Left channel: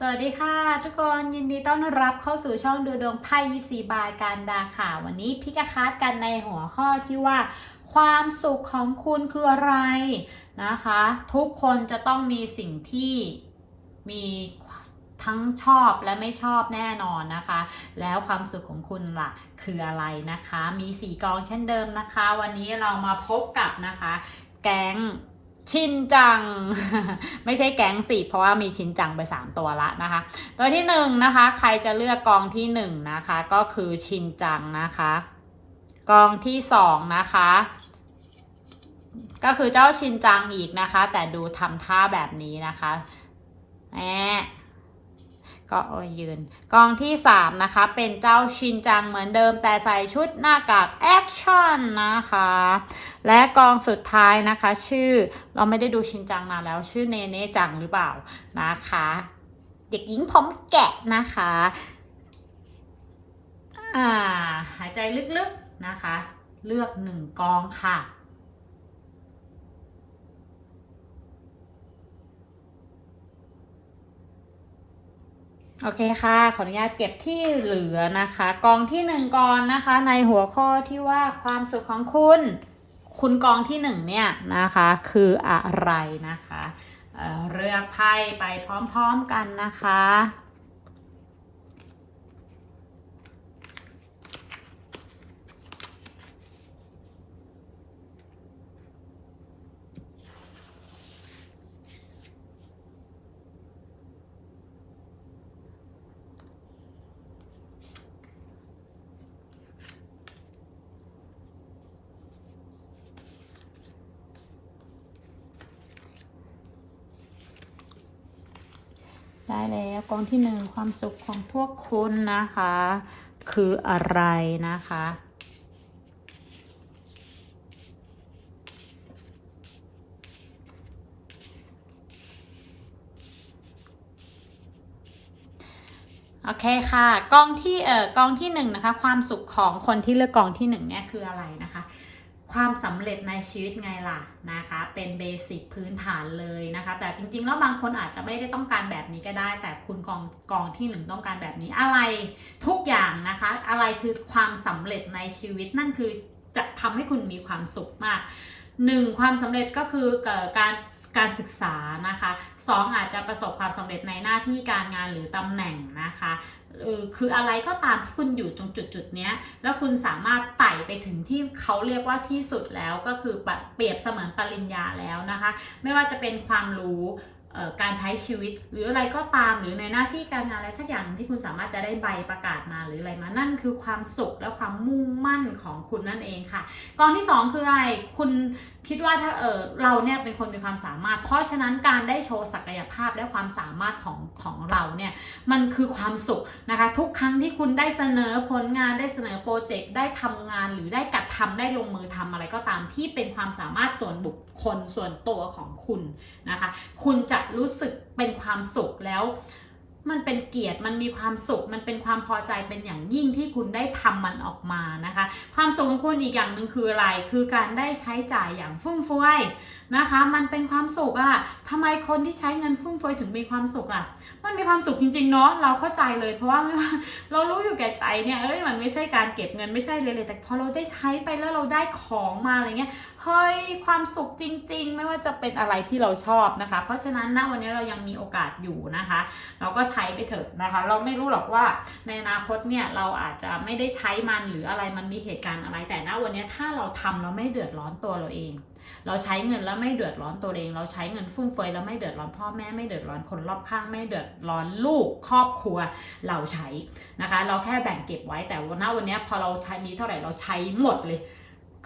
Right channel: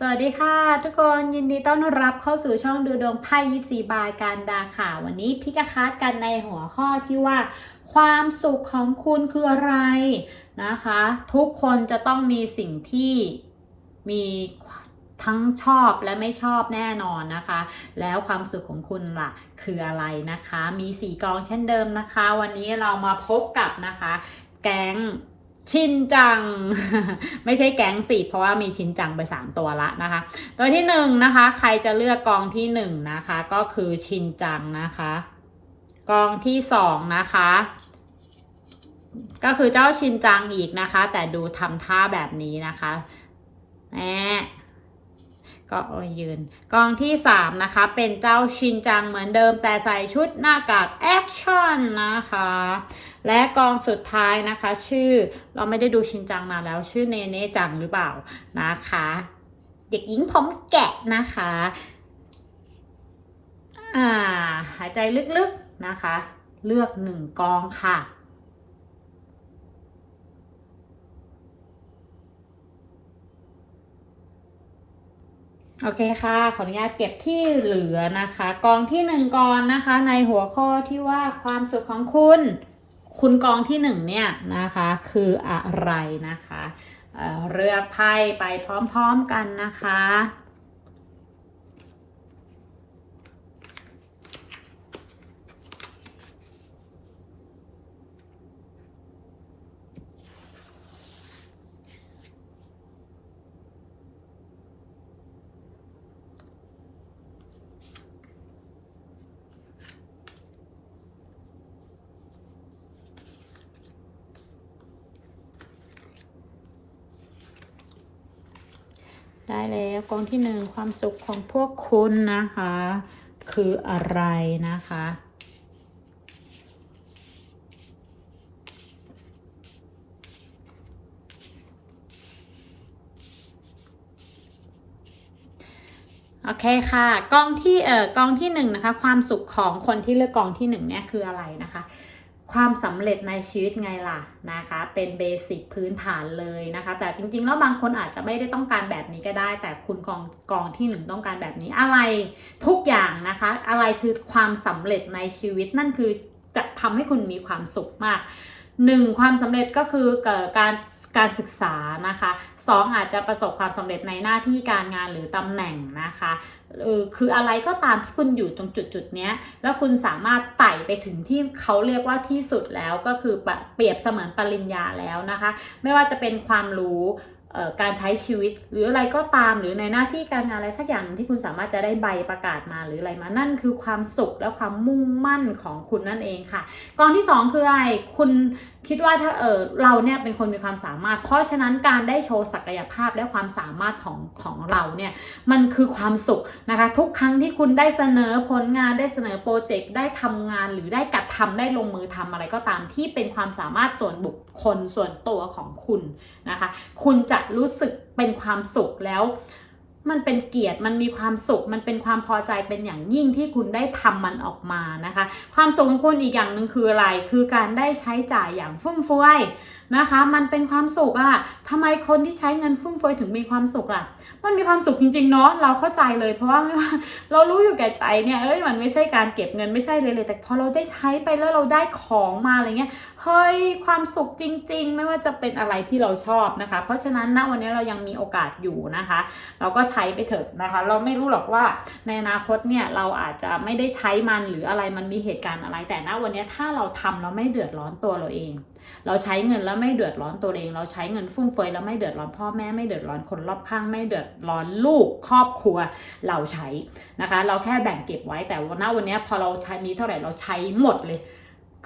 สวัสดีค่ะ ทุกคนยินดีต้อนรับเข้าสู่ช่องดูดวงไพ่ยิปซีบายการดาค่ะ วันนี้พี่จะคัดกันในหัวข้อที่ว่า ความสุขของคุณคืออะไรนะคะ ทุกคนจะต้องมีสิ่งที่มีทั้งชอบและไม่ชอบแน่นอนนะคะ แล้วความสุขของคุณล่ะคืออะไรนะคะ มีสีกองเช่นเดิมนะคะ วันนี้เรามาพบกับนะคะ แก๊ง ชินจัง ไม่ใช่แก๊งสิเพราะว่ามีชินจังไปสามตัวละนะคะ ตัวที่หนึ่งนะคะ ใครจะเลือกกองที่หนึ่งนะคะ ก็คือชินจังนะคะ กองที่สองนะคะ ก็คือเจ้าชินจังอีกนะคะ แต่ดูทำท่าแบบนี้นะคะแหม ก็ยืน กองที่สามนะคะ เป็นเจ้าชินจังเหมือนเดิมแต่ใส่ชุดหน้ากากแอคชั่นนะคะ และกองสุดท้ายนะคะ ชื่อเราไม่ได้ดูชินจังนาแล้ว ชื่อเนเน่จังหรือเปล่านะคะ เด็กหญิงผมแกะนะคะอ่าหายใจลึกๆนะคะ เลือกหนึ่งกองค่ะ โอเคค่ะ ขออนุญาตเก็บที่เหลือนะคะ กองที่หนึ่งกองนะคะ ในหัวข้อที่ว่าความสุขของคุณ คุณกองที่หนึ่งเนี่ยนะคะ คืออะไรนะคะเเลือกไพ่ไปพร้อมๆกันนะคะ ได้แล้วกองที่หนึ่งความสุขของพวกคุณนะคะ คืออะไรนะคะ โอเคค่ะกองที่เอ่อกองที่หนึ่งนะคะ ความสุขของคนที่เลือกกองที่หนึ่งเนี่ยคืออะไรนะคะ ความสำเร็จในชีวิตไงล่ะนะคะ เป็นเบสิกพื้นฐานเลยนะคะ แต่จริงๆ แล้วบางคนอาจจะไม่ได้ต้องการแบบนี้ก็ได้ แต่คุณกองกองที่หนึ่งต้องการแบบนี้อะไรทุกอย่างนะคะ อะไรคือความสำเร็จในชีวิตนั่นคือจะทำให้คุณมีความสุขมาก หนึ่งความสำเร็จก็คือเกิดการการศึกษานะคะสองอาจจะประสบความสำเร็จในหน้าที่การงานหรือตำแหน่งนะคะเออคืออะไรก็ตามที่คุณอยู่ตรงจุดจุดนี้แล้วคุณสามารถไต่ไปถึงที่เขาเรียกว่าที่สุดแล้วก็คือเปรียบเสมือนปริญญาแล้วนะคะ ไม่ว่าจะเป็นความรู้ การใช้ชีวิตหรืออะไรก็ตามหรือในหน้าที่การงานอะไรสักอย่างที่คุณสามารถจะได้ใบประกาศมาหรืออะไรมานั่นคือความสุขและความมุ่งมั่นของคุณนั่นเองค่ะกองที่สองคืออะไรคุณคิดว่าถ้าเออเราเนี่ยเป็นคนมีความสามารถ เพราะฉะนั้นการได้โชว์ศักยภาพและความสามารถของของเราเนี่ยมันคือความสุขนะคะทุกครั้งที่คุณได้เสนอผลงานได้เสนอโปรเจกต์ได้ทำงานหรือได้กระทำได้ลงมือทำอะไรก็ตามที่เป็นความสามารถส่วนบุคคลส่วนตัวของคุณนะคะคุณจะรู้สึกเป็นความสุขแล้ว มันเป็นเกียรติมันมีความสุข มันเป็นความพอใจเป็นอย่างยิ่งที่คุณได้ทำมันออกมานะคะ ความสุขของคุณอีกอย่างหนึ่งคืออะไร คือการได้ใช้จ่ายอย่างฟุ่มเฟือย นะคะ มันเป็นความสุขอะทำไมคนที่ใช้เงินฟุ่มเฟือยถึงมีความสุขล่ะมันมีความสุขจริงๆเนาะเราเข้าใจเลย เพราะว่าไม่ว่าเรารู้อยู่แก่ใจเนี่ยเอ้ยมันไม่ใช่การเก็บเงินไม่ใช่เลยเลยแต่พอเราได้ใช้ไปแล้วเราได้ของมาอะไรเงี้ยเฮ้ยความสุขจริง ๆ ไม่ว่าจะเป็นอะไรที่เราชอบนะคะ เพราะฉะนั้นณวันนี้เรายังมีโอกาสอยู่นะคะ เราก็ใช้ไปเถอะนะคะ เราไม่รู้หรอกว่าในอนาคตเนี่ยเราอาจจะไม่ได้ใช้มันหรืออะไรมันมีเหตุการณ์อะไรแต่ณวันนี้ถ้าเราทำเราไม่เดือดร้อนตัวเราเอง เราใช้เงินแล้วไม่เดือดร้อนตัวเอง เราใช้เงินฟุ่มเฟือยแล้วไม่เดือดร้อนพ่อแม่ไม่เดือดร้อนคนรอบข้าง ไม่เดือดร้อนลูกครอบครัวเราใช้นะคะ เราแค่แบ่งเก็บไว้แต่วันหน้วันนี้พอเราใช้มีเท่าไหร่เราใช้หมดเลย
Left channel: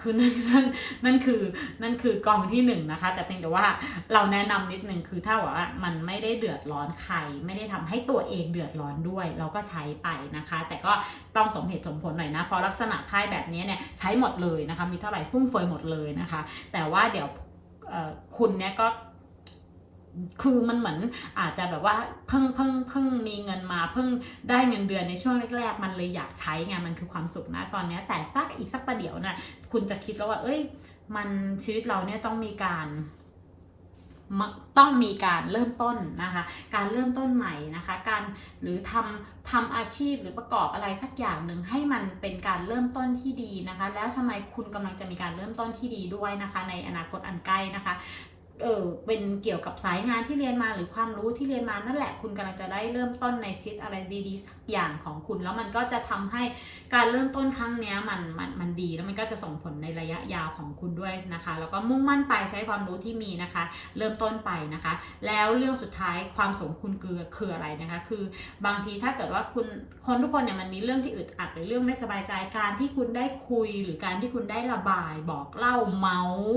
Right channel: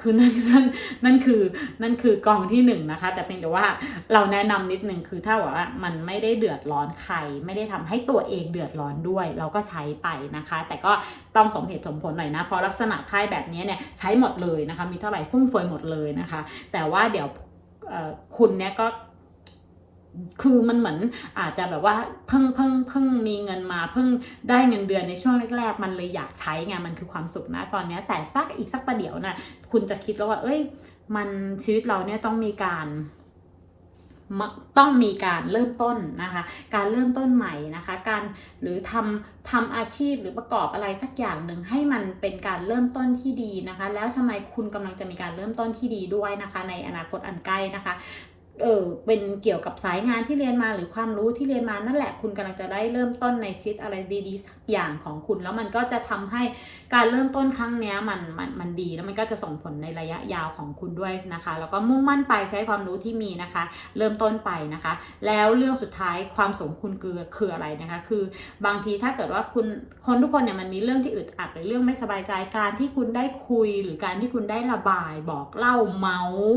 คือนั่นนั่นนั่นคือนั่นคือกองที่หนึ่งนะคะ แต่เพียงแต่ว่าเราแนะนำนิดนึงคือถ้าว่ามันไม่ได้เดือดร้อนใคร ไม่ได้ทำให้ตัวเองเดือดร้อนด้วย เราก็ใช้ไปนะคะ แต่ก็ต้องสมเหตุสมผลหน่อยนะเพราะลักษณะไพ่แบบนี้เนี่ยใช้หมดเลยนะคะ มีเท่าไหร่ฟุ่มเฟือยหมดเลยนะคะ แต่ว่าเดี๋ยว คุณเนี่ยก็คือมันเหมือนอาจจะแบบว่าเพิ่งเพิ่งเพิ่งมีเงินมาเพิ่งได้เงินเดือนในช่วงแรกๆ มันเลยอยากใช้ไงมันคือความสุขนะตอนนี้แต่สักอีกสักประเดี๋ยวนะ่ะคุณจะคิดแล้วว่า เอ้ย มันชีวิตเราเนี่ยต้องมีการ ต้องมีการเริ่มต้นนะคะ การเริ่มต้นใหม่นะคะ การหรือทำทำอาชีพหรือประกอบอะไรสักอย่างหนึ่งให้มันเป็นการเริ่มต้นที่ดีนะคะ แล้วทำไมคุณกำลังจะมีการเริ่มต้นที่ดีด้วยนะคะ ในอนาคตอันใกล้นะคะ เออเป็นเกี่ยวกับสายงานที่เรียนมาหรือความรู้ที่เรียนมานั่นแหละ คุณกำลังจะได้เริ่มต้นในชีวิตอะไรดีๆสักอย่างของคุณ แล้วมันก็จะทำให้การเริ่มต้นครั้งนี้มันมันมันดีแล้วมันก็จะส่งผลในระยะยาวของคุณด้วยนะคะ แล้วก็มุ่งมั่นไปใช้ความรู้ที่มีนะคะ เริ่มต้นไปนะคะ แล้วเรื่องสุดท้ายความสมคุณคือคืออะไรนะคะ คือบางทีถ้าเกิดว่าคุณคนทุกคนเนี่ยมันมีเรื่องที่อึดอัดหรือเรื่องไม่สบายใจการที่คุณได้คุย หรือการที่คุณได้ระบายบอกเล่าเมาส์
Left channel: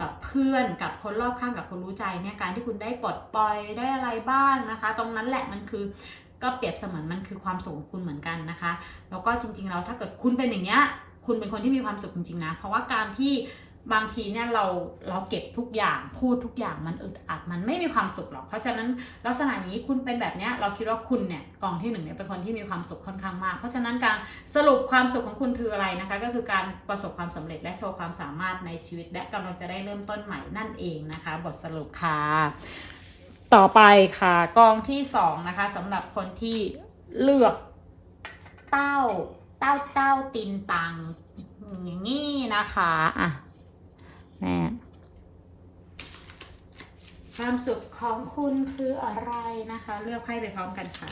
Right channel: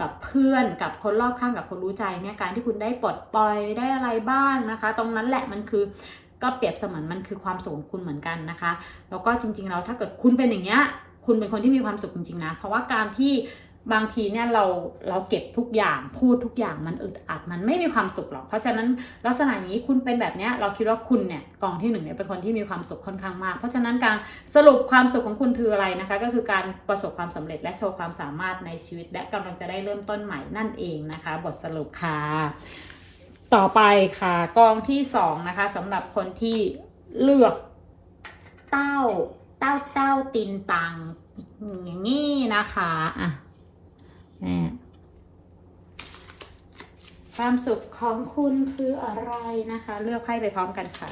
กับเพื่อนกับคนรอบข้างกับคนรู้ใจเนี่ยการที่คุณได้ปลดปล่อยได้อะไรบ้างนะคะ ตรงนั้นแหละมันคือก็เปรียบเสมือนมันคือความสุขคุณเหมือนกันนะคะ แล้วก็จริงๆแล้วถ้าเกิดคุณเป็นอย่างเงี้ยคุณเป็นคนที่มีความสุขจริงๆนะ เพราะว่าการที่ บางทีเนี่ยเราเราเก็บทุกอย่างพูดทุกอย่างมันอึดอัดมันไม่มีความสุขหรอก เพราะฉะนั้นลักษณะนี้คุณเป็นแบบเนี้ยเราคิดว่าคุณเนี่ยกองที่หนึ่งเนี่ยเป็นคนที่มีความสุขค่อนข้างมาก เพราะฉะนั้นการสรุปความสุขของคุณคืออะไรนะคะ ก็คือการประสบความสำเร็จและโชว์ความสามารถในชีวิต และกำลังจะได้เริ่มต้นใหม่นั่นเองนะคะ บทสรุปค่ะต่อไปค่ะกองที่สองนะคะสำหรับคนที่เลือกเต้าเต้าเต้าตินตังอย่างนี้นะคะอะ แม่ความสุขของคุณคืออะไรนะคะ เลือกไพ่ไปพร้อมกันค่ะ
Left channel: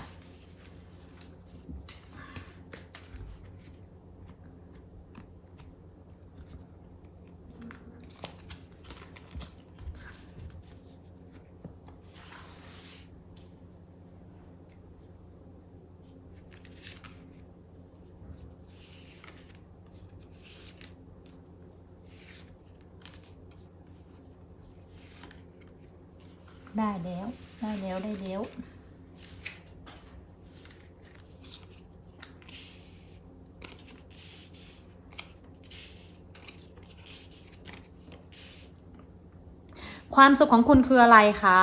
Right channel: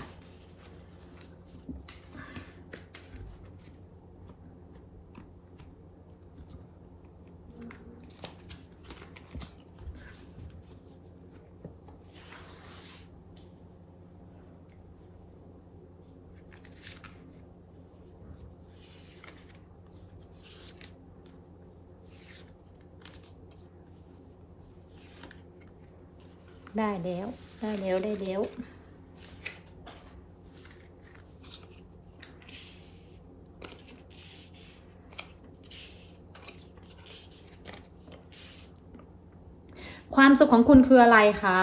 ได้แล้ว ได้แล้วได้แล้วความสุขของคุณคืออะไรคะ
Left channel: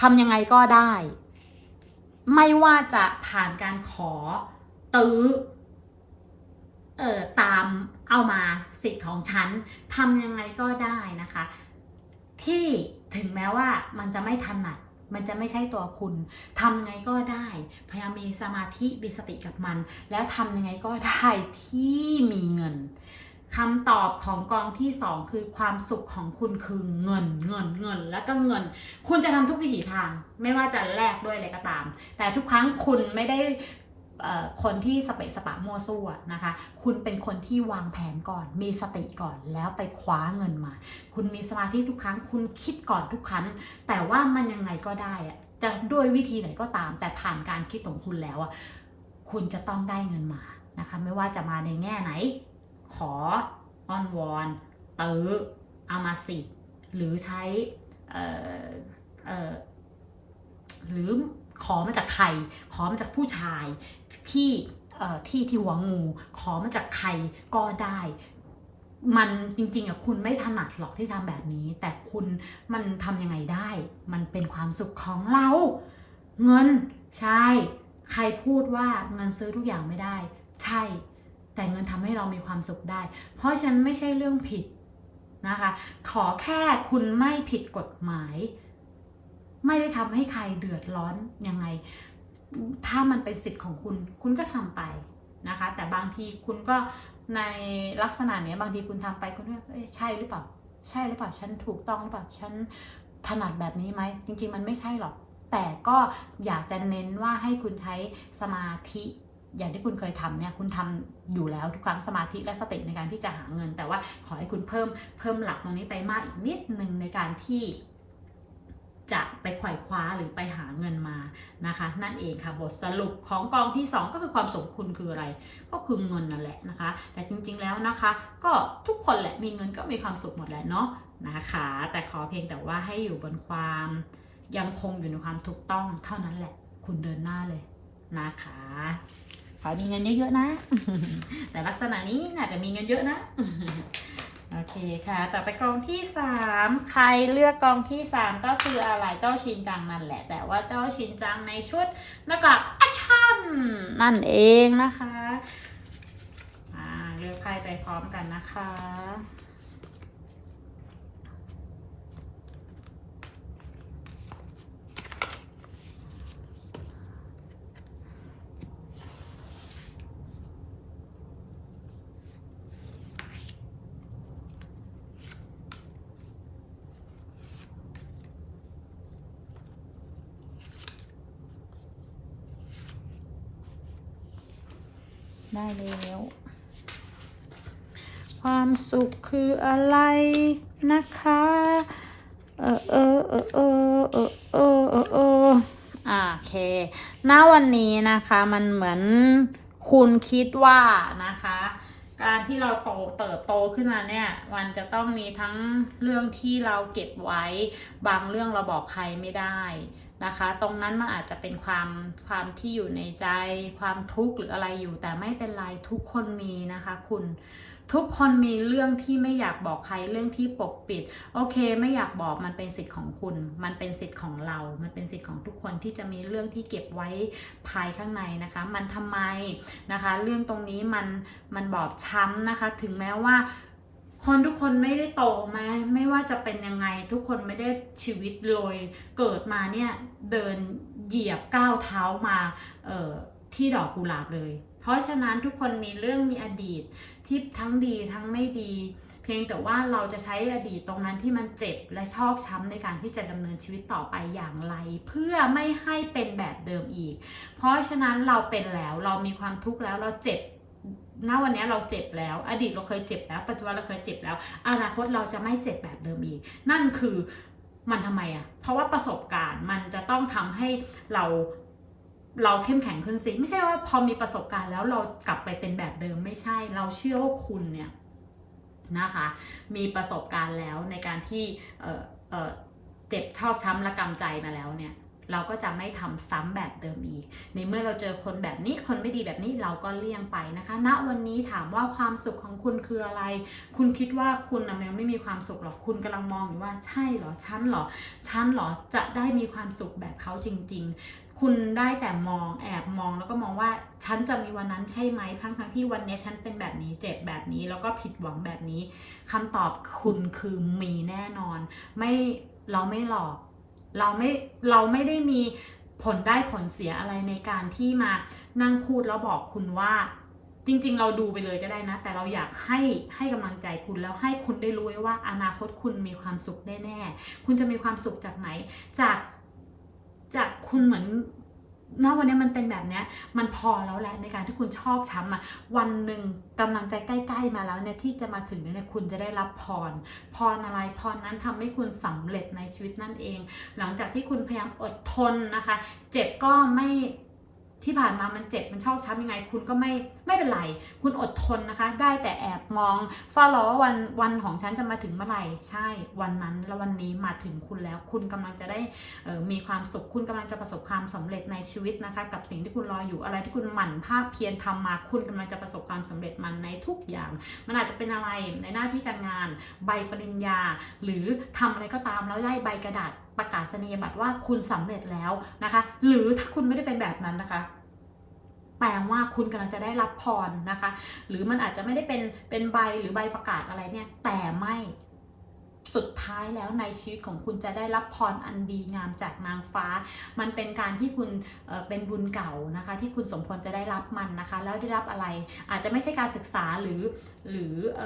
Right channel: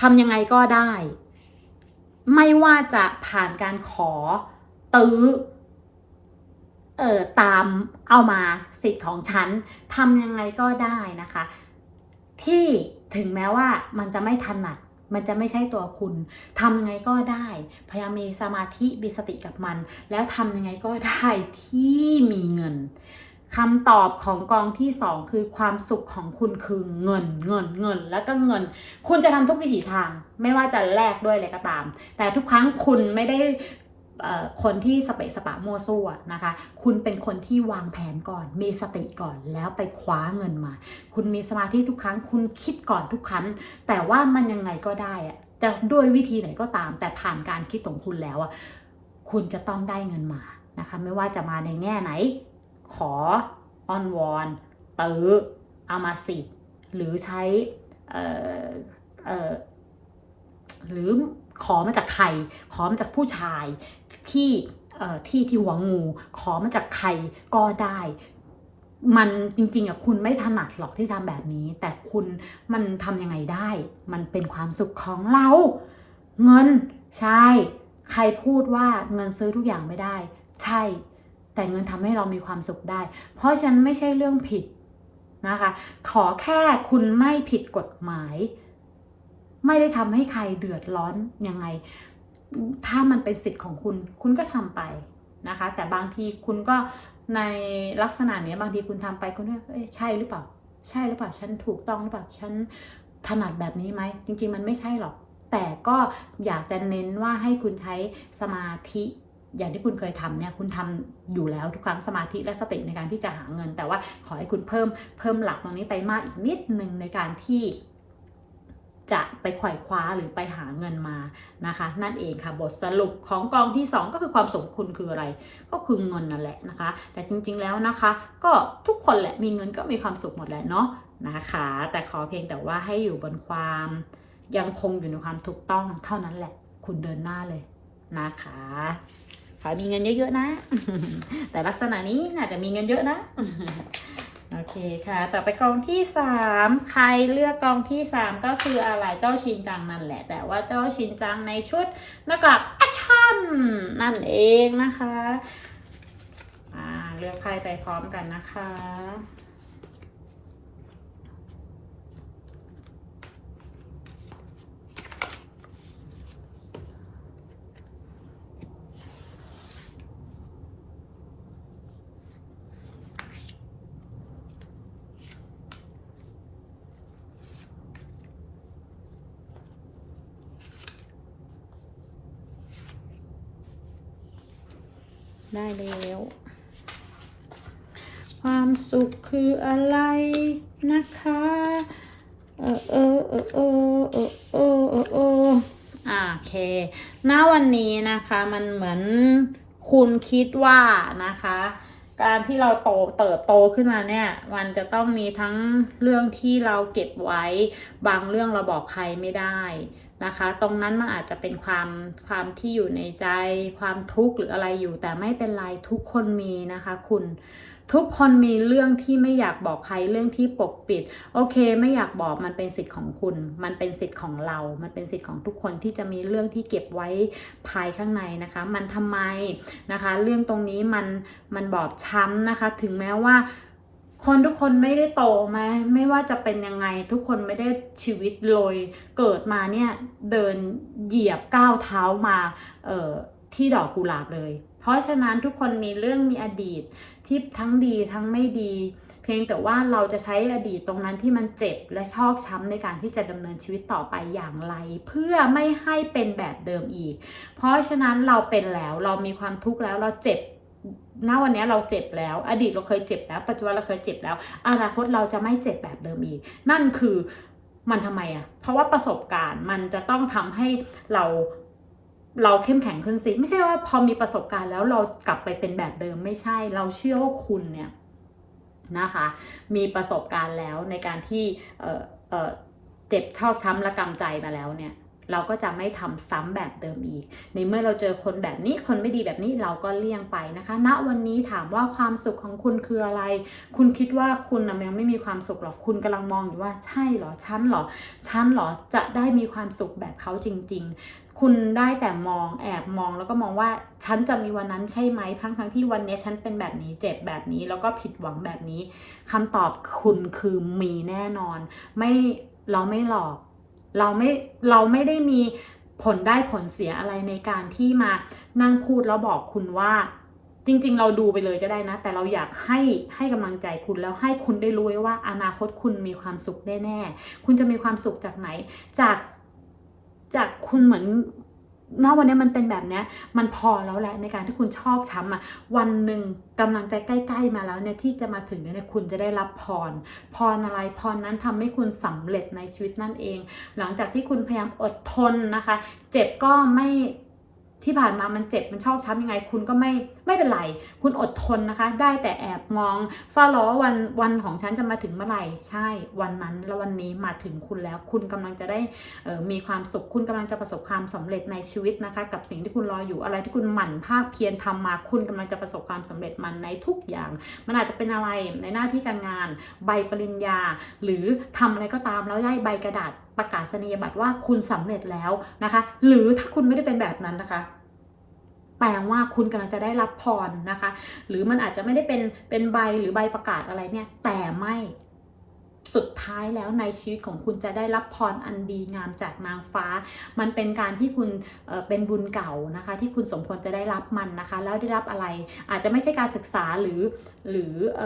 ทำยังไงก็ได้ ไม่ว่าจะผ่านการขอตื้อ เอ่อ ตามเอามาสิทธิ์ของฉันทำยังไงก็ได้นะคะ ที่ ถึงแม้ว่ามันจะไม่ถนัดมันจะไม่ใช่ตัวคุณทำไงก็ได้ พยายามมีสมาธิมีสติกับมัน แล้วทำยังไงก็ได้ที่มีเงินคำตอบของกองที่สองคือความสุขของคุณคือเงิน เงินเงิน แล้วก็เงิน คุณจะทำทุกวิถีทาง ไม่ว่าจะแลกด้วยอะไรก็ตาม แต่ทุกครั้งคุณไม่ได้ คนที่สเปะสปะมัวซั่วนะคะ คุณเป็นคนที่วางแผนก่อน มีสติก่อนแล้วไปคว้าเงินมา คุณมีสมาธิทุกครั้ง คุณคิดก่อนทุกครั้ง แต่ว่ามันยังไงก็ได้อะจะด้วยวิธีไหนก็ตาม แต่ผ่านการคิดของคุณแล้วอะคุณจะต้องได้เงินมานะคะ ไม่ว่าจะมาในแง่ไหน ขออ้อนวอนเตื้อเอามาสิ หรือใช้หรือขอมาจากใคร ขอมาจากผู้ชาย ที่ที่ที่หัวงู ขอมาจากใครก็ได้ มันจริงๆอะคุณไม่ถนัดหรอกที่ทำแบบนี้ แต่คุณมันทำยังไงได้ มันเป็นความสุขของเรา เงินใช่ ใครพูดว่าเงินซื้อทุกอย่างไม่ได้ ใช่ แต่เงินทำให้เรามีความสุขได้ เพราะฉะนั้นไม่ใช่เรื่องผิดนะคะ ขอแค่คุณไม่ผิดกฎหมาย ไม่ได้ทำให้ใครเดือดร้อนยังไง ถ้ามันเป็นสิทธิ์ของคุณ คุณก็ทำไปนะคะ แต่บางทีคุณก็ในลักษณะเนี้ยบางทีคุณทำไปคุณก็เอ๊ะใช่หรือเปล่า ใช่หรือเปล่า ฉันถูกต้องหรือเปล่า ฉันถนัดแบบนี้ไหม จริง ๆ มันไม่ใช่หรอก แต่ก็อยากจะเน้นว่าให้คุณใช้สมาธิอย่างที่คุณเคยทำเนี่ยคุณทำอยู่แล้วทุกครั้งสมาธิและสติในการที่จะหาเงิน แต่ว่าขอให้คุณเพิ่มเพิ่มหลักตรงนี้ไปมากอีกนิดหนึ่งในการที่ จะไปไขว่คว้าหรือไปหาเงินมานะคะ นั่นเองค่ะบทสรุปของกองที่ 2 ก็คือความสมคุณคืออะไร ก็คือเงินนั่นแหละนะคะ แต่จริงๆแล้วนะคะ ก็ทุกคนแหละมีเงินก็มีความสุขหมดแหละเนาะนะคะ แต่ขอเพียงแต่ว่าให้อยู่บนความยังคงอยู่ในความถูกต้องเท่านั้นแหละ คุณเดินหน้าเลยนะคะขอมีเงินเยอะๆนะ แต่ลักษณะนี้น่าจะมีเงินเยอะนะ โอเคค่ะ ต่อไปกองที่สามใครเลือกกองที่สามก็คืออะไรเจ้าชินจังนั่นแหละ แต่ว่าเจ้าชินจังในชุดหน้ากากแอคชั่นนั่นเองนะคะ อ่า เลือกใครไปพร้อมกันนะคะ ได้แล้ว ความสุขคืออะไรนะคะ เออเออเออเออเออเออเออเอออ่าโอเคณวันนี้นะคะมันเหมือนคุณคิดว่านะคะ การที่เราโตเติบโตขึ้นมาเนี่ย มันจะต้องมีทั้งเรื่องที่เราเก็บไว้ บางเรื่องเราบอกใครไม่ได้ นะคะ ตรงนั้นมันอาจจะเป็นความความที่อยู่ในใจ ความทุกข์หรืออะไรอยู่ แต่ไม่เป็นไรทุกคนมีนะคะคุณทุกคนมีเรื่องที่ไม่อยากบอกใครเรื่องที่ปกปิด โอเค ไม่อยากบอกมันเป็นสิทธิ์ของคุณ มันเป็นสิทธิ์ของเรา มันเป็นสิทธิ์ของทุกคนที่จะมีเรื่องที่เก็บไว้ภายข้างในนะคะ มันทำไมนะคะ เรื่องตรงนี้มันมันบอบช้ำนะคะ ถึงแม้ว่า คนทุกคนไม่ได้โตมาไม่ว่าจะเป็นยังไง ทุกคนไม่ได้ชีวิตโรยเกิดมาเนี่ยเดินเหยียบก้าวเท้ามาเอ่อที่ดอกกุหลาบเลย เพราะฉะนั้นทุกคนมีเรื่องมีอดีตที่ทั้งดีทั้งไม่ดี เพียงแต่ว่าเราจะใช้อดีตตรงนั้นที่มันเจ็บและชอกช้ำในการที่จะดำเนินชีวิตต่อไปอย่างไร เพื่อไม่ให้เป็นแบบเดิมอีก เพราะฉะนั้นเราเป็นแล้วเรามีความทุกข์แล้วเราเจ็บ ณวันนี้เราเจ็บแล้ว อดีตเราเคยเจ็บแล้ว ปัจจุบันเราเคยเจ็บแล้ว อนาคตเราจะไม่เจ็บแบบเดิมอีก นั่นคือมันทำไมอะ่ะ เพราะว่าประสบการณ์มันจะต้องทำให้เราเราเข้มแข็งขึ้นสิ ไม่ใช่ว่าพอมีประสบการณ์แล้วเรากลับไปเป็นแบบเดิมไม่ใช่ เราเชื่อว่าคุณเนี่ยนะคะ มีประสบการณ์แล้วในการที่เออเออเจ็บชอกช้ำและกำใจมาแล้วเนี่ย เราก็จะไม่ทำซ้ำแบบเดิมอีก ในเมื่อเราเจอคนแบบนี้คนไม่ดีแบบนี้เราก็เลี่ยงไปนะคะณวันนี้ถามว่าความสุขของคุณคืออะไร คุณคิดว่าคุณนะยังไม่มีความสุขหรอกคุณกำลังมองอยู่ว่าใช่หรอฉันหรอฉันหรอจะได้มีความสุขแบบเขาจริง ๆคุณได้แต่มองแอบมองแล้วก็มองว่าฉันจะมีวันนั้นใช่ไหมทั้งทั้งที่วันนี้ฉันเป็นแบบนี้เจ็บแบบนี้แล้วก็ผิดหวังแบบนี้คำตอบคุณคือมีแน่นอน ไม่เราไม่หลอก เราไม่เราไม่ได้มีผลได้ผลเสียอะไรในการที่มานั่งพูดแล้วบอกคุณว่าจริง ๆ เราดูไปเลยก็ได้นะ แต่เราอยากให้ให้กำลังใจคุณแล้วให้คุณได้รู้ไว้ว่าอนาคตคุณมีความสุขแน่ๆคุณจะมีความสุขจากไหน จากจากคุณเหมือน ณวันนี้มันเป็นแบบนี้มันพอแล้วแหละในการที่คุณชอบช้ำอะวันหนึ่งกำลังใจใกล้ ๆ มาแล้วเนี่ยที่จะมาถึงเนี่ยคุณจะได้รับพร พรอะไรพรนั้นทำให้คุณสำเร็จในชีวิตนั่นเอง หลังจากที่คุณพยายามอดทนนะคะ เจ็บก็ไม่ ที่ผ่านมามันเจ็บมันชอกช้ำยังไง คุณก็ไม่ไม่เป็นไร คุณอดทนนะคะ ได้แต่แอบมองเฝ้ารอว่าวันวันของฉันจะมาถึงเมื่อไหร่ใช่วันนั้นแล้ววันนี้มาถึงคุณแล้ว คุณกำลังจะได้เออมีความสุข คุณกำลังจะประสบความสำเร็จในชีวิตนะคะ กับสิ่งที่คุณรออยู่อะไรที่คุณหมั่นภาคเพียรทำมา คุณกำลังจะประสบความสำเร็จมันในทุกอย่าง มันอาจจะเป็นอะไรในหน้าที่การงาน ใบปริญญา หรือทำอะไรก็ตามแล้วได้ใบกระดาษ ประกาศนียบัตรว่าคุณสำเร็จแล้วนะคะ หรือถ้าคุณไม่ได้เป็นแบบนั้นนะคะแปลว่าคุณกำลังจะได้รับพรนะคะ หรือมันอาจจะไม่ได้เป็นเป็นใบหรือใบประกาศอะไรเนี่ย แต่ไม่สุดท้ายแล้วในชีวิตของคุณจะได้รับพรอันดีงามจากนางฟ้า มันเป็นการที่คุณเเป็นบุญเก่านะคะ ที่คุณสมควรจะได้รับมันนะคะ แล้วได้รับอะไร อาจจะไม่ใช่การศึกษาหรือหรืออ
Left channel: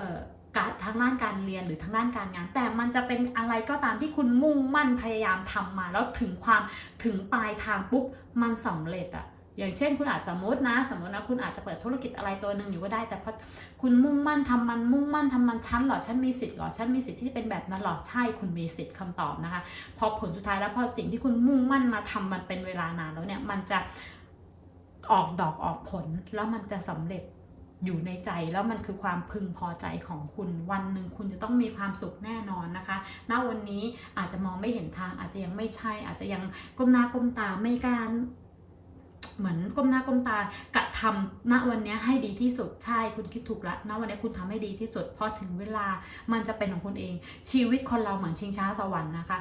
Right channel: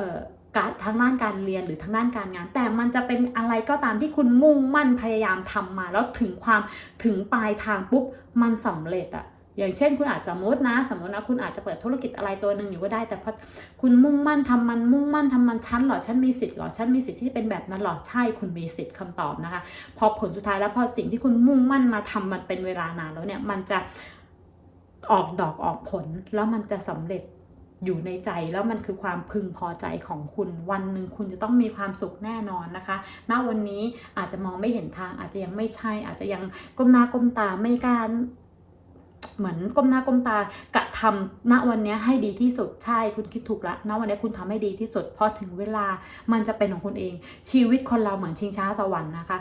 การทางด้านการเรียนหรือทางด้านการงาน แต่มันจะเป็นอะไรก็ตามที่คุณมุ่งมั่นพยายามทำมา แล้วถึงความถึงปลายทางปุ๊บมันสำเร็จอะอย่างเช่น คุณอาจสมมตินะ สมมตินะคุณอาจจะเปิดธุรกิจอะไรตัวหนึ่งอยู่ก็ได้ แต่พอคุณมุ่งมั่นทำมันมุ่งมั่นทำมันชั้นหรอฉันมีสิทธิ์หรอฉันมีสิทธิ์ที่จะเป็นแบบนั้นหรอใช่คุณมีสิทธิ์คำตอบนะคะ พอผลสุดท้ายแล้วพอสิ่งที่คุณมุ่งมั่นมาทำมันเป็นเวลานานแล้วเนี่ยมันจะออกดอกออกผลแล้วมันจะสำเร็จ อยู่ในใจแล้วมันคือความพึงพอใจของคุณ วันหนึ่งคุณจะต้องมีความสุขแน่นอนนะคะ ณ วันนี้อาจจะมองไม่เห็นทาง อาจจะยังไม่ใช่ อาจจะยังก้มหน้าก้มตาไม่กล้ารเหมือนก้มหน้าก้มตากระทำณวันนี้ให้ดีที่สุดใช่คุณคิดถูกล้วณวันนี้คุณทำให้ดีที่สุดพอถึงเวลามันจะเป็นของคุณเอง ชีวิตคนเราเหมือนชิงช้าสวรรค์นะคะ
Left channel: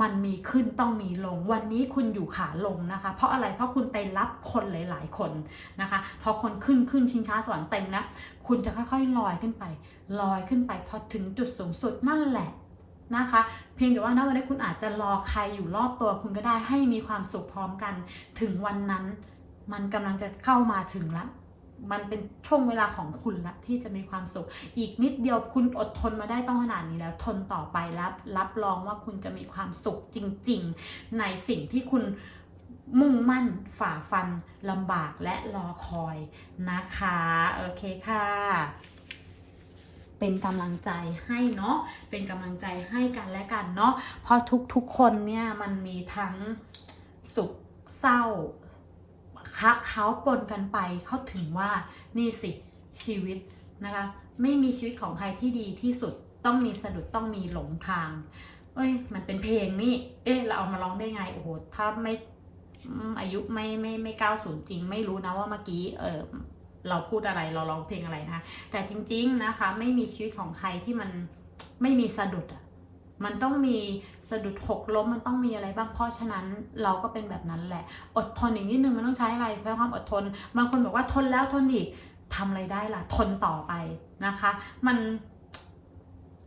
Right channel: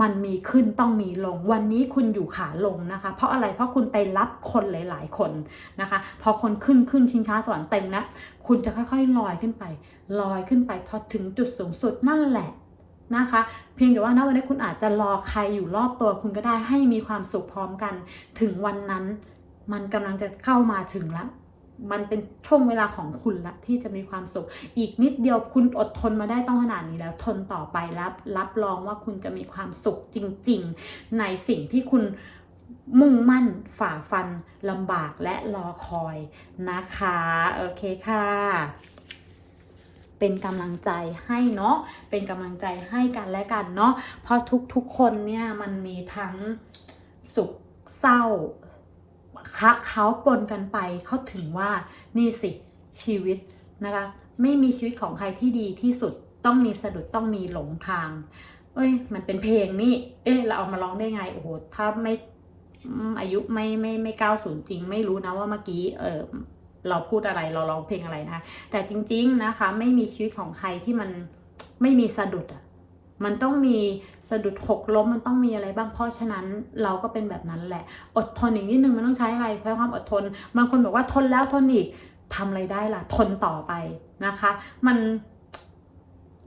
มันมีขึ้นต้องมีลง วันนี้คุณอยู่ขาลงนะคะ เพราะอะไรเพราะคุณไปรับคนหลาย ๆ คนนะคะ พอคนขึ้นขึ้นชิงช้าสวรรค์เต็มนะคุณจะค่อยๆลอยขึ้นไป ลอยขึ้นไปพอถึงจุดสูงสุดนั่นแหละนะคะ เพียงแต่ว่าณวันนี้คุณอาจจะรอใครอยู่รอบตัวคุณก็ได้ให้มีความสุขพร้อมกัน ถึงวันนั้น มันกำลังจะเข้ามาถึงละ มันเป็นช่วงเวลาของคุณละที่จะมีความสุข อีกนิดเดียวคุณอดทนมาได้ต้องขนาดนี้แล้วทนต่อไปรับ รับรองว่าคุณจะมีความสุขจริง ๆ ในสิ่งที่คุณมุ่งมั่นฝ่าฟันลำบากและรอคอยนะคะ โอเคค่ะ เป็นกำลังใจให้เนาะเป็นกำลังใจให้กันและกันเนาะเพราะทุกๆคนเนี่ยมันมีทั้งสุขเศร้า เขาปนกันไปเขาถึงว่านี่สิชีวิตนะคะไม่มีชีวิตของใครที่ดีที่สุดต้องมีสะดุดต้องมีหลงทาง เอ้ย มันเป็นเพลงนี่ เอ๊ะเราเอามาร้องได้ไงโอ้โหถ้าไม่อายุไม่ไม่ไม่ก้าศูนย์จริง ไม่รู้นะว่าเมื่อกี้เออเราพูดอะไรเราร้องเพลงอะไรนะคะแต่จริง ๆนะคะ ไม่มีชีวิตของใครที่มันไม่มีสะดุดอะ มันต้องมีสะดุดหกล้มมันต้องมีอะไรบ้างเพราะฉะนั้นเราก็เป็นแบบนั้นแหละ อดทนอีกนิดนึงมันต้องใช้อะไรใช้ความอดทนบางคนบอกว่าทนแล้วทนอีกทำอะไรได้ล่ะ ทนต่อไปนะคะ มัน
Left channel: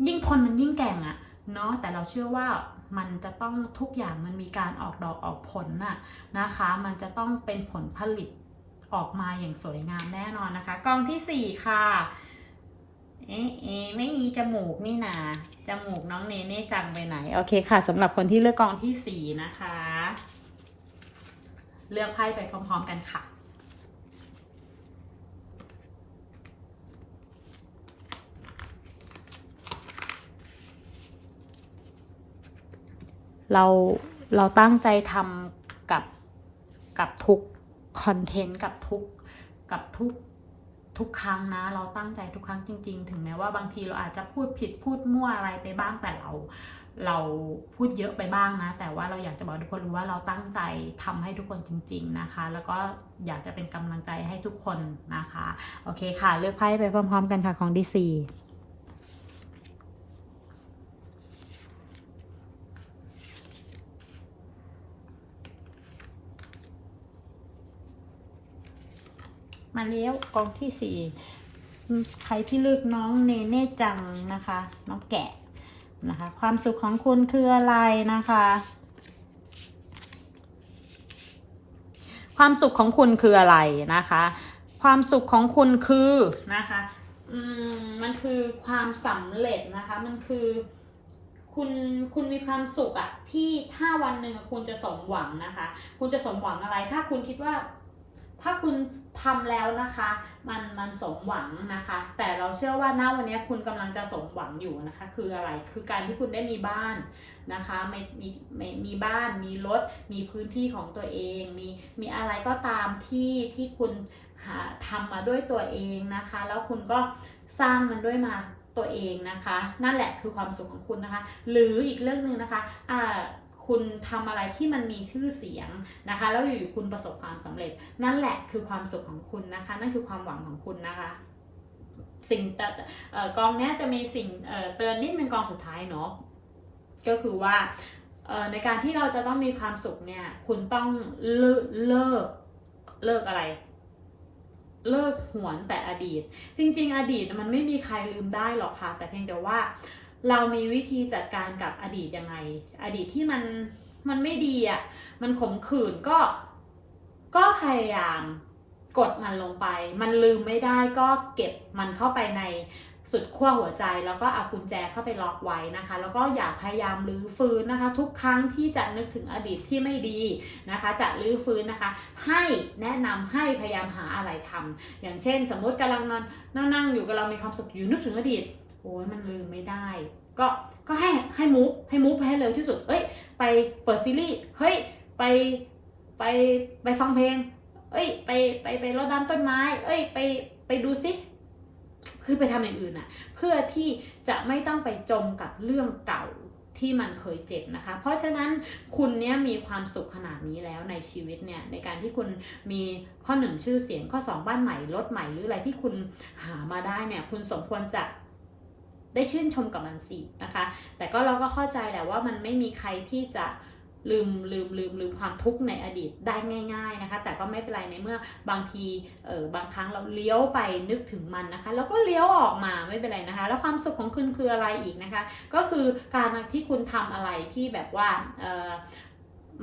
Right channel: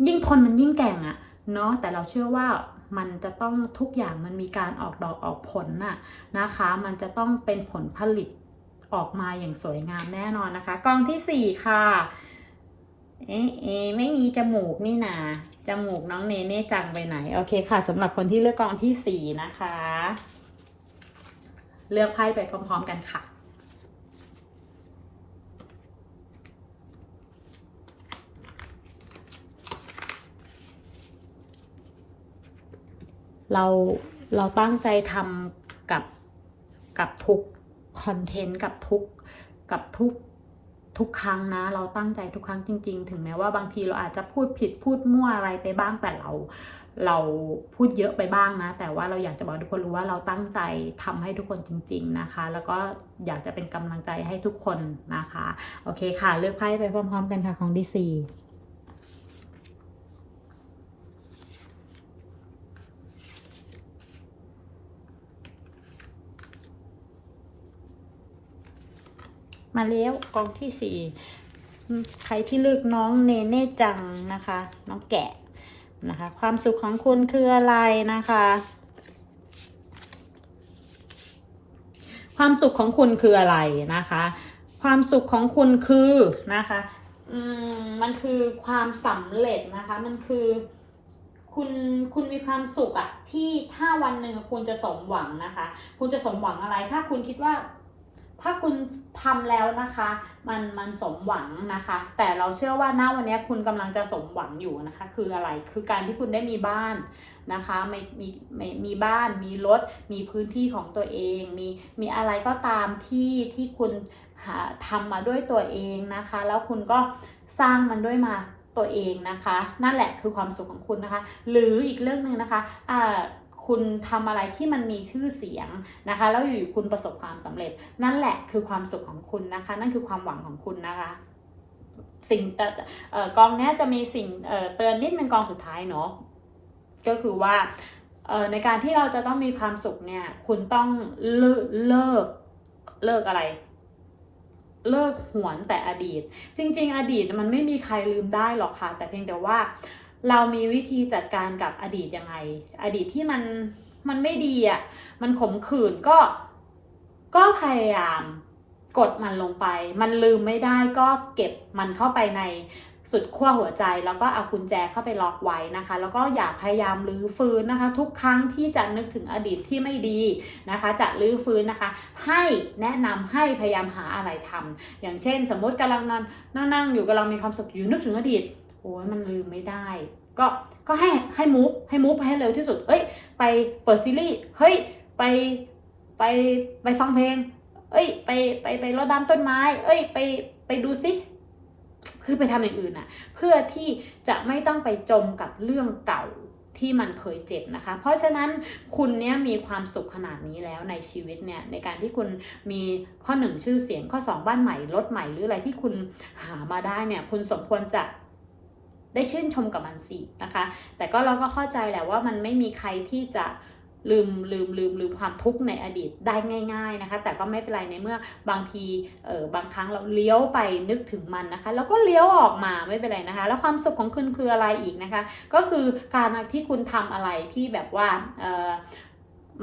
ยิ่งทนมันยิ่งแก่งอะเนาะแต่เราเชื่อว่ามันจะต้องทุกอย่างมันมีการออกดอกออกผลน่ะนะคะ มันจะต้องเป็นผลผลิตออกมาอย่างสวยงามแน่นอนนะคะ กองที่สี่ค่ะ เอ๊ะเอ๊ะไม่มีจมูกนี่นาจมูกน้องเนเน่จังไปไหน โอเคค่ะสำหรับคนที่เลือกกองที่สี่นะคะ เลือกไพ่ไปพร้อม ๆ กันค่ะเราเราตั้งใจทำกับกับทุกคอนเทนต์กับทุกกับทุก ทุกครั้งนะ เราตั้งใจทุกครั้งจริง ๆ ถึงแม้ว่าบางทีเราอาจจะพูดผิดพูดมั่วอะไรไปบ้างแต่เราเราพูดเยอะไปบ้างนะ แต่ว่าเราอยากจะบอกทุกคนรู้ว่าเราตั้งใจทำให้ทุกคนจริง ๆนะคะ แล้วก็อยากจะเป็นกำลังใจให้ทุกคนนะคะ โอเคค่ะ เลือกไพ่ไปพร้อม ๆ กันค่ะของดีซี มาเลี้ยวกองที่สี่ใครที่เลือกน้องเนเน่จังนะคะ น้องแกะนะคะ ความสุขของคุณคืออะไรนะคะ ความสุขของคุณคืออะไรนะคะ ความสุขของคุณคือนะคะอืมมันคือความสำเร็จนะคะ มันคือคุณคุณมีความสุขอะที่ถ้าวันหนึ่งคุณจะสมหวังนะคะ คุณจะสมหวังอะไร ถ้าคุณคิดว่า ถ้าคุณทำแล้วนะคะ มันมันสมหวังนะคะ แต่เราเชื่อว่าณวันนี้คุณกำลังจะสมหวังอยู่นะคะ คืออะไรคือการที่คุณได้มีบ้านนะคะมีมีมีมีบ้าน มีรถ มีพื้นที่ของตัวเอง มีมีอะไรก็ตามที่ที่คุณหาทำมาด้วยตัวเองนะคะ แล้วคุณก็สร้างมันด้วยมาตัวเองนะคะ นั่นแหละคือความสุขของคุณนะคะ หรืออีกเรื่องหนึ่งนะคะอ่า คุณทำอะไรที่มันมีชื่อเสียงนะคะ แล้วอยู่คุณประสบความสำเร็จ นั่นแหละคือความสุขของคุณนะคะ นั่นคือความหวังของคุณนะคะสิ่งอ่อกองนี้จะมีสิ่งเตือนนิดนึงกองสุดท้ายเนาะก็คือว่าในการที่เราจะต้องมีความสุขเนี่ยคุณต้องเลิกเลิกเลิกอะไร เลิกหวนแต่อดีต จริง ๆ อดีตมันไม่มีใครลืมได้หรอกค่ะ แต่เพียงแต่ว่า เรามีวิธีจัดการกับอดีตยังไง อดีตที่มันมันไม่ดีอะ มันขมขื่นก็ก็พยายามกดมันลงไป มันลืมไม่ได้ก็เก็บมันเข้าไปในสุดขั้วหัวใจ แล้วก็เอากุญแจเข้าไปล็อกไว้นะคะ แล้วก็อย่าพยายามรื้อฟื้นนะคะ ทุกครั้งที่จะนึกถึงอดีตที่ไม่ดีนะคะ จะรื้อฟื้นนะคะ ให้แนะนำให้พยายามหาอะไรทำอย่างเช่น สมมติกำลังนอนนั่งๆอยู่กำลังมีความสุขอยู่นึกถึงอดีต โอ้ยมันลืมไม่ได้ ก็ก็ให้ให้มูฟให้มูฟไปให้เร็วที่สุด เอ้ย ไปเปิดซีรีส์เฮ้ยไปไปไปฟังเพลง เอ้ย ไปไปไปรดน้ำต้นไม้ เอ้ย ไปไปดูซิคือไปทำอย่างอื่นน่ะเพื่อที่จะไม่ต้องไปจมกับเรื่องเก่าที่มันเคยเจ็บนะคะ เพราะฉะนั้นคุณเนี้ยมีความสุขขนาดนี้แล้วในชีวิตเนี่ยในการที่คุณมีข้อหนึ่งชื่อเสียงข้อสองบ้านใหม่รถใหม่หรืออะไรที่คุณหามาได้เนี่ยคุณสมควรจะ ได้ชื่นชมกับมันสินะคะ แต่ก็เราก็เข้าใจแหละว่ามันไม่มีใครที่จะลืมลืมลืมลืมความทุกข์ในอดีตได้ง่าย ๆนะคะ แต่ก็ไม่เป็นไรในเมื่อบางทีเออบางครั้งเราเลี้ยวไปนึกถึงมันนะคะ แล้วก็เลี้ยวออกมาไม่เป็นไรนะคะ แล้วความสุขของคุณคืออะไรอีกนะคะ ก็คือการที่คุณทำอะไรที่แบบว่าเออ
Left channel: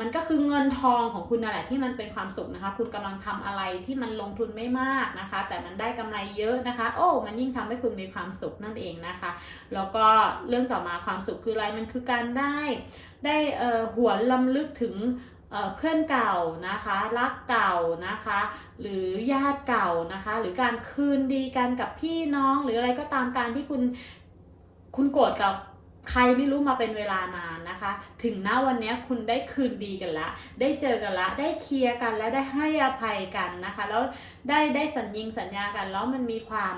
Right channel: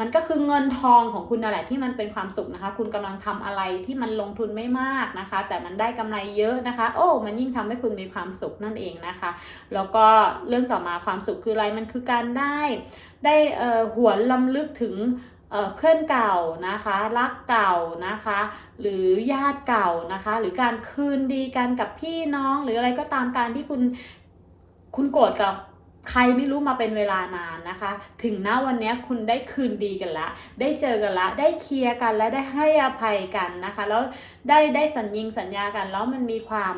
มันก็คือเงินทองของคุณนั่นแหละที่มันเป็นความสุขนะคะ คุณกำลังทำอะไรที่มันลงทุนไม่มากนะคะ แต่มันได้กำไรเยอะนะคะ โอ้มันยิ่งทำให้คุณมีความสุขนั่นเองนะคะ แล้วก็เรื่องต่อมาความสุขคืออะไรมันคือการได้ได้เอ่อหวนลำลึกถึงเอ่อเพื่อนเก่านะคะรักเก่านะคะ หรือญาติเก่านะคะ หรือการคืนดีกันกับพี่น้องหรืออะไรก็ตามการที่คุณคุณโกรธกับ ใครไม่รู้มาเป็นเวลานานนะคะ ถึงน้าวันนี้คุณได้คืนดีกันละ ได้เจอกันละ ได้เคลียร์กันแล้วได้ให้อภัยกันนะคะ แล้วได้ได้สัญญิงสัญญากัน แล้วมันมีความ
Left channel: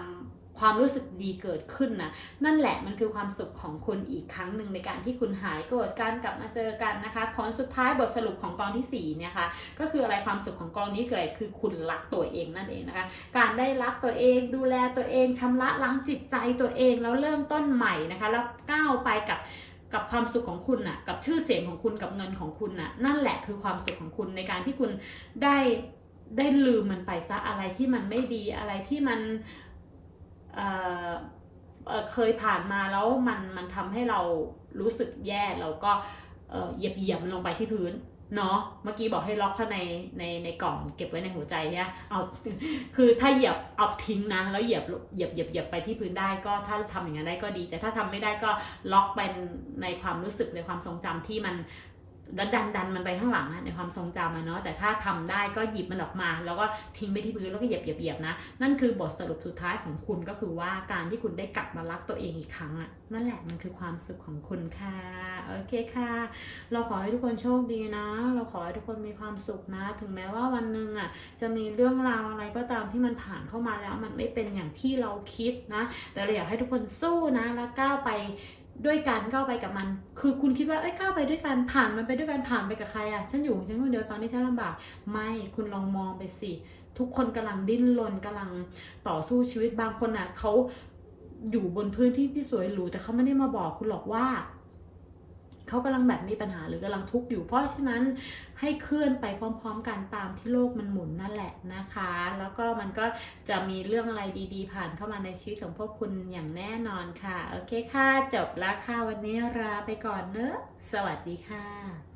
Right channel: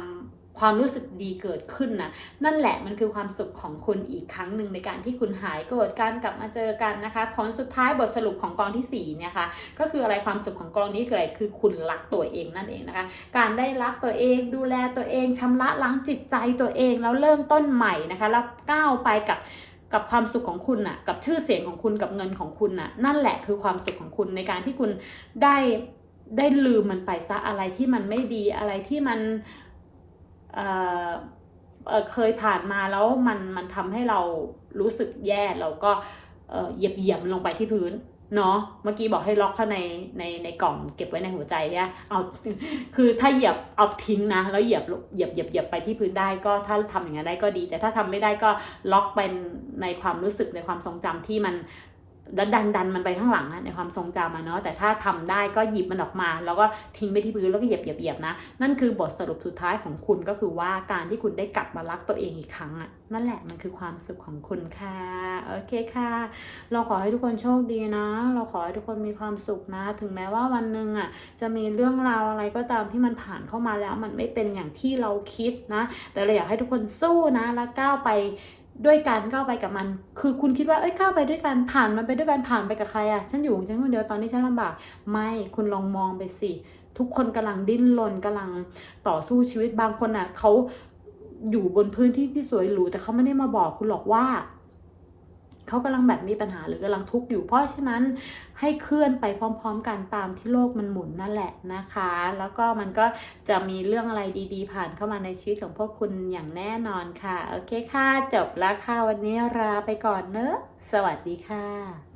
ความรู้สึกดีเกิดขึ้นนะนั่นแหละมันคือความสุขของคุณอีกครั้งหนึ่งในการที่คุณหายโกรธกันกลับมาเจอกันนะคะผลสุดท้ายบทสรุปของกองที่สี่เนี่ยค่ะก็คืออะไรความสุขของกองนี้คืออะไรคือคุณรักตัวเองนั่นเองนะคะการได้รักตัวเองดูแลตัวเองชำระล้างจิตใจตัวเองแล้วเริ่มต้นใหม่นะคะแล้วก้าวไปกับกับความสุขของคุณน่ะกับชื่อเสียงของคุณกับเงินของคุณน่ะนั่นแหละคือความสุขของคุณในการที่คุณได้ได้ลืมมันไปซะอะไรที่มันไม่ดีอะไรที่มัน เคยผ่านมาแล้วมันมันทำให้เรารู้สึกแย่เราก็เหยียบเหยียบลงไปที่พื้นเนาะเมื่อกี้บอกให้ล็อกเข้าในในในกล่องเก็บไว้ในหัวใจเนี่เอาคือถ้าเหยียบเอาทิ้งนะ แล้วเหยียบเหยียบเหยียบเหยียบไปที่พื้นได้ก็ถ้าทำอย่างนั้นได้ก็ดี แต่ถ้าทำไม่ได้ก็ล็อกไปในความรู้สึกในความทรงจำที่มัน แล้วดันดันมันไปข้างหลังนะในความทรงจำมาเนาะแต่ถ้าทำได้ก็หยิบมันออกมา แล้วก็ทิ้งไปที่พื้นแล้วก็เหยียบเหยียบเหยียบนะนั่นคือบทสรุปสุดท้ายของคุณก็คือว่าการที่คุณได้กลับมารักตัวเองอีกครั้งอะนั่นแหละมันคือความสุขของคุณค่ะโอเคค่ะ เราขอให้ทุกคนโชคดีนะ เราขอให้ทุกคนมีความสุขนะ ถึงแม้ว่าวันหนึ่งอะจะมีเรื่องราวอะไรก็ตามที่มันผ่านเข้ามาแล้วมันไม่เป็นอย่างที่เราคิดนะ แต่เราอยากให้ทุกคนสู้นะและก้าวไป ด้วยการก้าวไปกับมัน คือคุณคิดว่าเอ้ยก้าวไปด้วยกันผ่านมันไปด้วยกันผ่านไปกับใครอะฉันอยู่ฉันคนเดียวตอนนี้ฉันลำบาก ไม่คุณลองมองไปสิทุกคนกำลังดิ้นรนกำลังต่อสู้ชีวิตบางคนอะเขาอยู่บนพื้นที่ที่สวยหรูแต่เขาไม่ได้มาบอกคุณหรอกว่า เขากำลังแบบมีปัญหาหรือกำลังทุกข์อยู่ เพราะฉะนั้นให้เคลื่อนไปพร้อม ๆ กันตามที่โลกมันหมุนนั่นแหละนะคะ แล้วก็มันก็จะมีเรื่องอะไรดีๆ ผ่านเข้ามาในชีวิตของพวกคุณอย่างแน่นอนค่ะ โอเคค่ะ จบแล้วค่ะ วันนี้ลาไปก่อนเนอะ สวัสดีค่ะ